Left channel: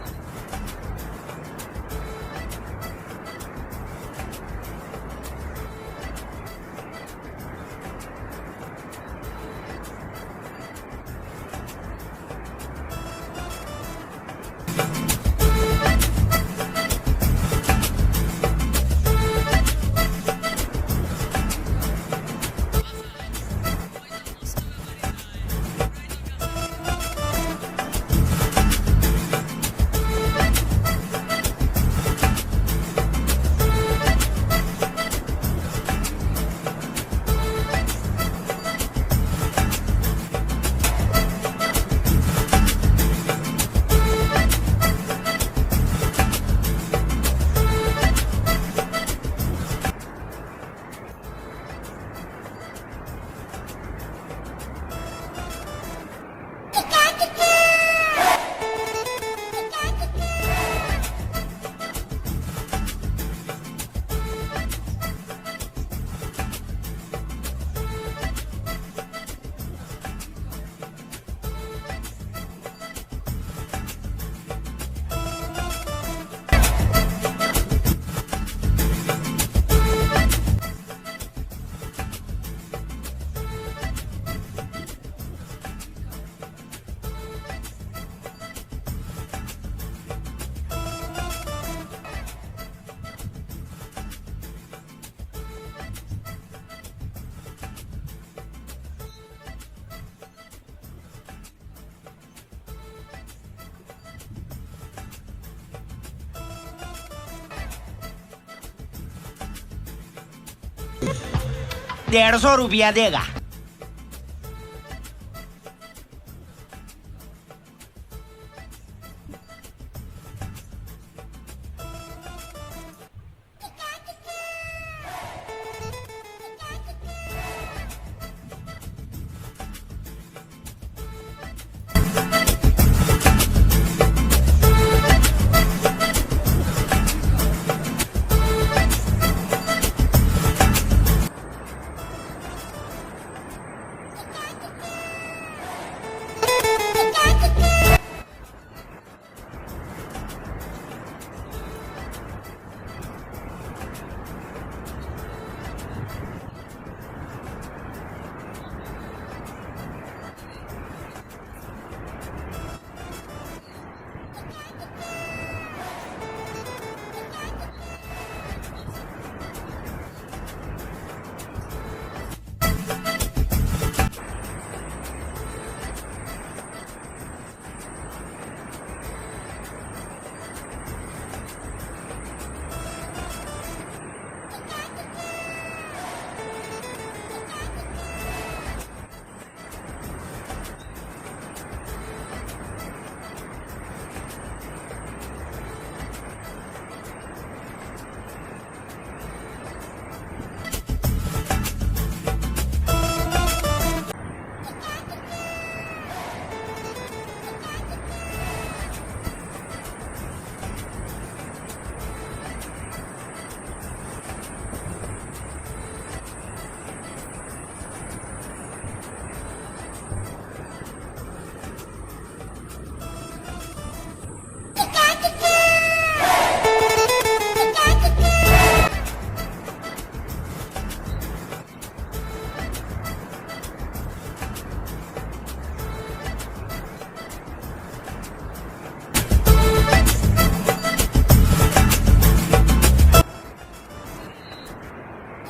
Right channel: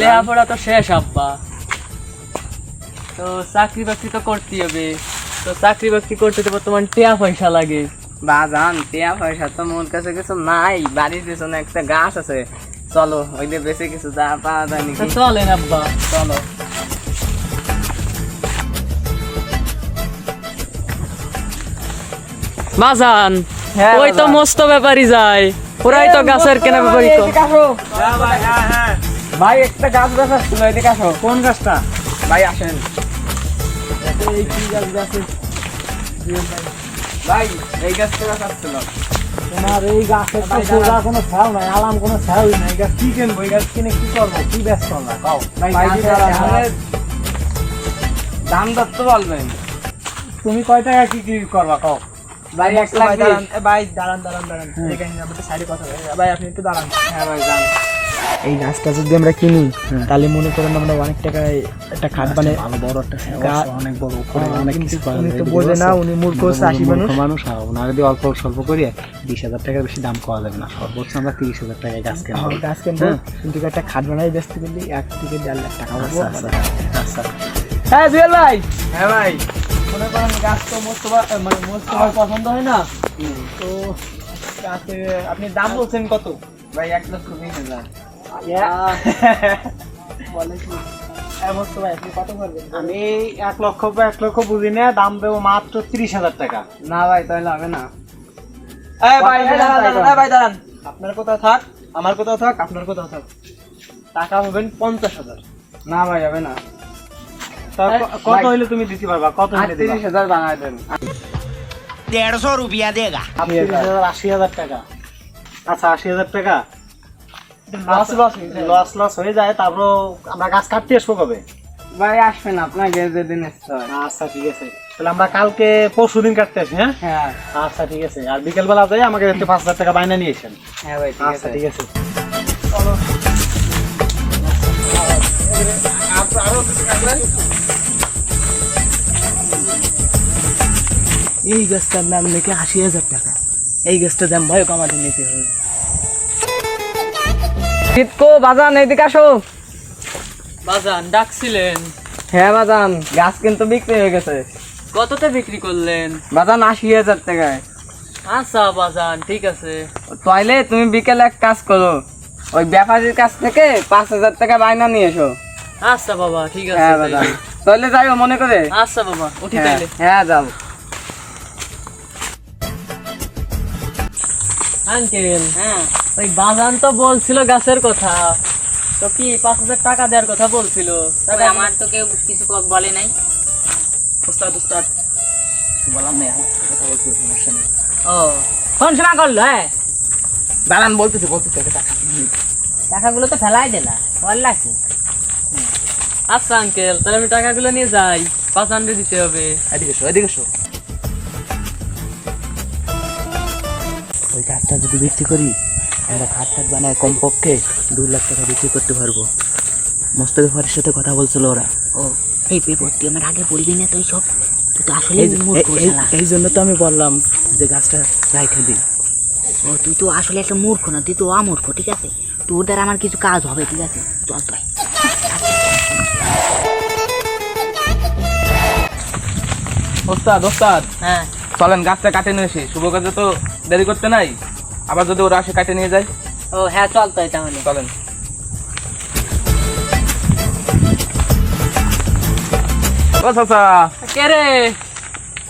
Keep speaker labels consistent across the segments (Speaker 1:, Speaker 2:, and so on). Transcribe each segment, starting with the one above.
Speaker 1: লেখাপড়া তো শেষ আব্বা। তো চাকরি বাকরি তো করতেই হবে। তো চাকরি বাকরি করতে তো বর্তমান টিয়া পয়সা লাগে।
Speaker 2: বাজান টিয়া পয়সা তো মোর কাছে কিছু নাই। বাড়ির পিছনে একটা গাছ আছে। চলো ওই যে বেশি কিছু যা পাওয়া যায়
Speaker 1: তো চলেন আব্বা। চলো। বাজান
Speaker 2: হ্যাঁ,
Speaker 1: ওই তো মস্ত ব্যাপারই যায়। ওরাই তো গাছের কেনা ব্যাপারই তো
Speaker 2: ভাই একটা গাছ গাছ আসছিল এদিকে আসো। কোন গাছটা? ভাই আসেন। ভাই এই গাছটা গাছ আসছিল
Speaker 3: আর এই গাছের তো সোজা কোনো খেয়াল নাই আলাম কোনো খেয়াল নাই। গাছ কি কিনবো? এই গাছ কিনে কি করব? কি ব্যস্ত না কাও
Speaker 2: ভাই গাছের আমাদের দাম দর তো বলবেন।
Speaker 3: তুমি কয় টাকা কি কি করবা কাও?
Speaker 2: ভাই এক লাখ
Speaker 3: ভাই দাঁড়ান দাঁড়ান দাঁড়ান। ভাই আপনি একটু দাঁড়ান।
Speaker 2: হ্যাঁ ভাই।
Speaker 3: এই গাছটা যদি আমরা কিনি তাহলে মনে করেন আমরা অনেক টাকায় একটা খাট বানাই। ভালো বড় একটা অনেক বড় অনেক কিছু তো বোঝে না উনি মূর্খ চাষি মানুষ।
Speaker 4: মানুষ ওনারা যদি অল্প স্বল্প করি বিশ হাজার টাকার বেশি দাম পাওয়া যাবে না। সর্বোচ্চ আমরা তিরিশ হাজার টাকায় গাছ কেনা
Speaker 3: গাছ কিনবো কিন্তু একটা খাট বানাই বেচতে গেলে এক থেকে দেড় লাখ টাকা
Speaker 1: হ্যাঁ জুয়েল ভাই।
Speaker 2: হ্যাঁ ভাই।
Speaker 1: গাছ তো মোস্তফা মানে মোস্তফার পছন্দ হয় না। তো আপনি দাম বলছেন কত?
Speaker 2: ভাই এক লক্ষ বিশ হাজার।
Speaker 3: হ্যাঁ, মোস্তফা, আপনি কত আমি এক লক্ষ এক লক্ষ বুঝি না দাম দেবো মাত্র তিরিশ হাজার টাকা।
Speaker 2: না ভাই তাহলে হবে না।
Speaker 3: ভাই,
Speaker 1: দাঁড়ান, দাঁড়ান, এই ভাই দাঁড়ান।
Speaker 3: আপনার কোথাও থাক আমার কোথাও থাক আপনার কোথাও থাক। টাকা হবেন পঞ্চাশ হাজার।
Speaker 2: না ভাই হবে না।
Speaker 3: কত হইলে তুমি দিতে পারবা? কত হইলে দিবা?
Speaker 2: হাজার বানাই দেন।
Speaker 5: দেড়শো
Speaker 3: রুপিয়া দেগা আশি হাজার টাকা। আচ্ছা আশি হাজার টাকা।
Speaker 1: লস লস
Speaker 3: লস লস হয়ে যায় আমরা গাছ কাটতে আসব কবে?
Speaker 2: আসবেন আপনাকে
Speaker 3: আচ্ছা, ঠিক আছে। তাহলে আমরা কালকে পরশু দিন কাটতে হ্যাঁ?
Speaker 2: হ্যাঁ।
Speaker 3: আচ্ছা, ঠিক আছে। আর বিকেলবেলা আমাকে পাঁচ হাজার টাকা বাইনা নিয়েছেন
Speaker 2: হ্যাঁ ভাই
Speaker 1: এই গাছটার দাম নাকি আশি হাজার টাকা। এই গাছটার দাম ভয় কমাতে নিতে হবে।
Speaker 2: শীতকো বাজান এইদিকে আসো।
Speaker 1: বাজান ডাকছিলেন।
Speaker 2: হ্যাঁ বাজান গাছ কিন্তু বিক্রি হয়ে গেছে।
Speaker 1: কততে বিক্রি করলেন?
Speaker 2: বাজান আশি হাজার টাকায়।
Speaker 1: আচ্ছা বাজান ঠিক আছে।
Speaker 2: তাইলে তুমি বিকেলে এক কাজ করো ওই ব্যাপারীর কাছ থেকে পাঁচ হাজার টাকা বায়না নিয়ে এসো।
Speaker 1: আচ্ছা বাবা ঠিক আছে
Speaker 2: হ্যাঁ বাজান। তাহলে যাইও মনে করে।
Speaker 1: আচ্ছা বাবা উঠি
Speaker 2: হ্যাঁ
Speaker 1: তাইলে।
Speaker 2: হ্যাঁ
Speaker 1: আঙ্কেল
Speaker 2: হ্যাঁ।
Speaker 1: ওই বাজান তো বলছিল গাছের কথা। তো কি পাঁচ হাজার টাকা দেওয়ার কথা বলছিল? তবে আমার
Speaker 2: তো কেউ কিছু বলে নাই।
Speaker 1: উস্তাদ উস্তাদ
Speaker 2: বললাম না
Speaker 1: ও ফোন শোনা করল হ্যাঁ?
Speaker 2: দাঁড়ান বলতেছি বলতেছি
Speaker 1: টাকাগুলো তো ফেলাই দিলা ভালো লাগছে। আচ্ছা আঙ্কেল তাহলে আমি টাকাগুলো নিয়ে যাই। পাঁচ হান্ড্রেড দিতে হবে।
Speaker 2: এদিকে এদিকে এসো
Speaker 4: যদি বিক্রি করি আমরা খাট খাট বানায় কমপক্ষে দু লাখ টাকা বিক্রি করতে পারব। মোস্তফার সাথে কথা বলছিল ওরা।
Speaker 6: ও এই পেপারটি আমার আগে বলবি না তুই সব? তুই তো আসলে।
Speaker 4: এই জন্য তো আমি বললাম যে গাছটা রাইখে দিই।
Speaker 6: ও তুই তো আসলে একটা মূর্খ না তুই তো অমূর্খ ঠিক আছে? তোর দ্বারা আমার কিছু কাজ হবে ঠিক আছে? চল তুই।
Speaker 2: ওস্তাদ ওস্তাদ।
Speaker 1: হ্যাঁ।
Speaker 2: চলেন গাছটা কাটে নিয়ে এসি। শুভ কাজে তো দেরি করতে নাই। আবার যদি ওরা আসে কাটে নিয়ে যায়?
Speaker 1: ও হ্যাঁ চল তাই তাহলে
Speaker 2: চলেন। ও চাচা।
Speaker 1: কে রে?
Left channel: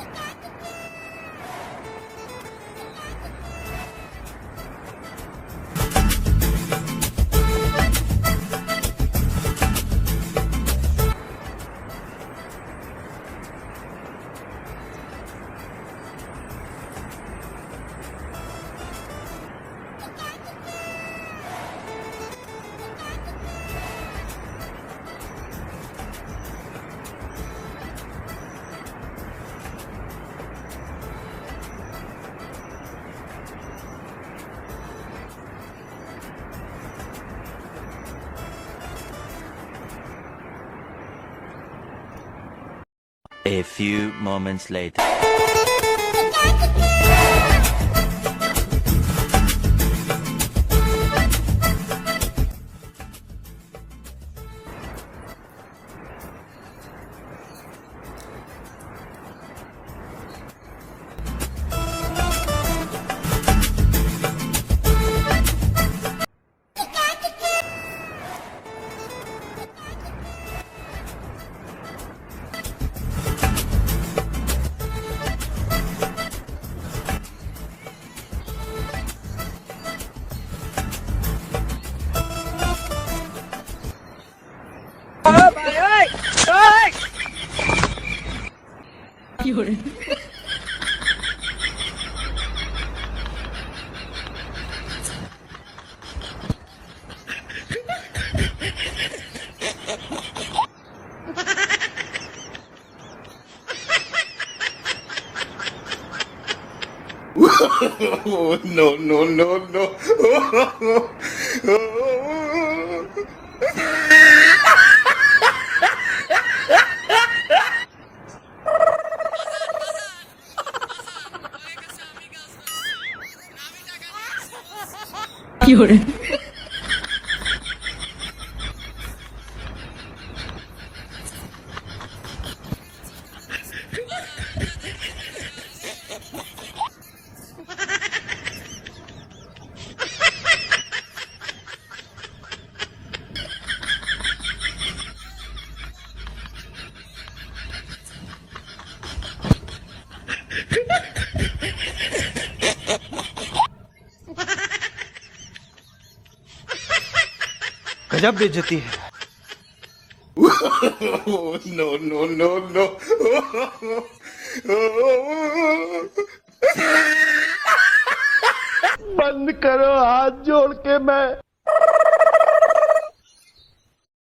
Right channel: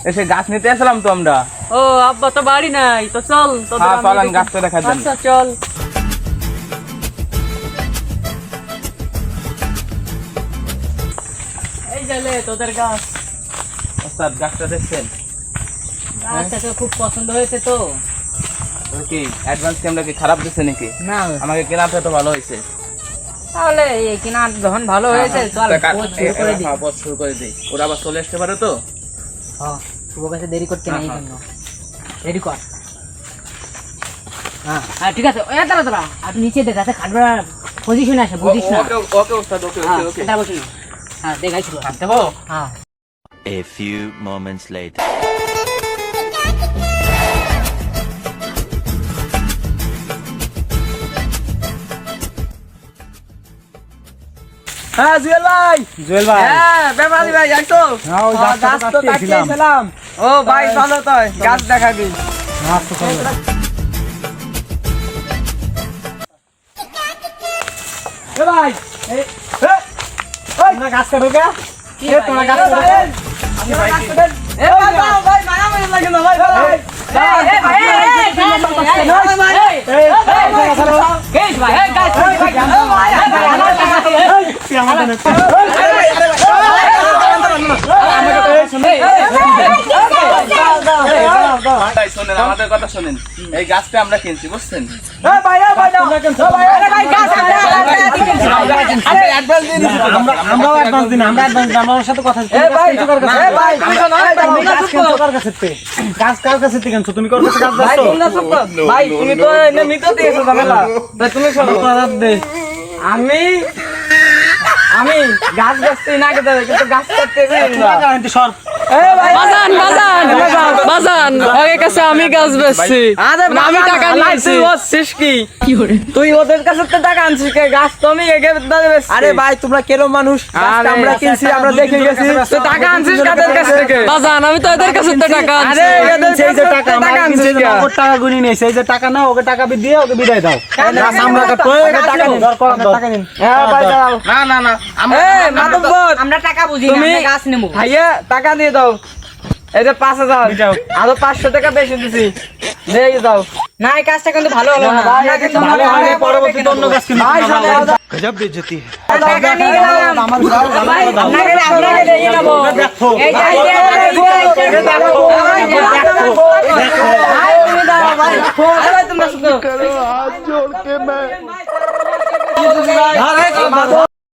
Speaker 2: এসে গাছ নিতে আসলাম তো আমরা।
Speaker 1: ও আব্বা তো বাড়ি নাই তো চল তোদের
Speaker 2: হ্যাঁ চলেন গাছটা দেখা। দেন।
Speaker 1: আচ্ছা চল। এই গেলে তোদের গাছ।
Speaker 2: গাছটা দেখছেন?
Speaker 1: গাছটা তো খুব পছন্দ হয়েছে তো।
Speaker 2: কি অ্যাডভান্স কি আমরা কি খারাপ দিচ্ছে নাকি?
Speaker 1: না।
Speaker 2: আমাকে কেনাটা তো ভালো হয়েছে।
Speaker 1: তাহলে এই কিনা যখন ভালো হয়েছে চল
Speaker 2: তা
Speaker 1: শুরু করে দিই।
Speaker 2: হ্যাঁ, শুরু করে দিই। ওরা আবার চলে আসতে পারে তো?
Speaker 1: হ্যাঁ শুভ কাছে দেরি করতে নেই
Speaker 2: হ্যাঁ,
Speaker 1: দেরি কর। হ্যাঁ হ্যাঁ ঠিক আছে। ওই দাঁড়া দাঁড়া। আপনি নিচে দেখা আছে খাটবার পজিশন আছে বুঝিস না।
Speaker 2: ওকে ওকে ওস্তাদ ওকে
Speaker 1: হ্যাঁ
Speaker 2: ওকে ওকে।
Speaker 1: এটা বসুন হ্যাঁ দেখাইছিল
Speaker 2: আসতে পারো
Speaker 1: হ্যাঁ।
Speaker 5: A few moments later.
Speaker 3: হ্যাঁ জুয়েল ভাই জুয়েল ভাই
Speaker 7: হ্যাঁ ব্যাপারী ভাই যাইতো
Speaker 3: হ্যাঁ ওই
Speaker 7: ও, গাছ তো কাটিয়েছিলাম ও ভাই চলো তো গাছ
Speaker 3: আচ্ছা, চলো। এ ভাই গাছ কাটো কে? এ, তোমরা গাছ কাটো আমাদের নেতা।
Speaker 7: ভাই শোনেন আমাদের কথা শোনেন এই গাছটা আমরা কিনছি বুঝছেন। আমি আমি গাছ গাছতে না গাছ
Speaker 3: সর।
Speaker 1: বাজান বাজান বাজান কাছে আমি গাছ বেচছি। আমি টাকা নিয়েছি।
Speaker 7: তুই কি? তুই ওদের কাছে তো টাকা আনছিস কে গাছ তো আমি এগে
Speaker 3: আরে ভাই তোমরা কেন মানুষ? আমরা কিনছি আমরা দেখে গেছি।
Speaker 7: তুই টাকা আনছিস কাদের কাছ থেকে?
Speaker 1: বাজান আমি তো এদের কাছে তো টাকা আনছি।
Speaker 7: আরে এদের
Speaker 3: সেই যে টাকা
Speaker 7: টাকা
Speaker 3: আমরা
Speaker 7: আনছিস
Speaker 3: কিনছি। নগদ টাকা গুনি নেই সেই যে টাকা নাও ওকে টাকা দিয়ে ওকে বিদায় দাও। গাছ আমরা কাটবো ওকে টাকা দিন টাকা দিন
Speaker 7: হ্যাঁ ভাই না না না মাধববর
Speaker 8: আমরা টাকা বুঝি না গাছ নেব
Speaker 7: ভাইয়া টাকা দিয়ে দাও। এই যে পাঁচ হাজার আরও পাঁচশো টাকা বেশি দিছি দিয়ে দাও
Speaker 8: না এই কাজটা কিন্তু ভালো হলো না আমরা কিন্তু
Speaker 3: ভালো
Speaker 8: মনে
Speaker 3: হয়
Speaker 8: হয়
Speaker 3: পরবর্তীতে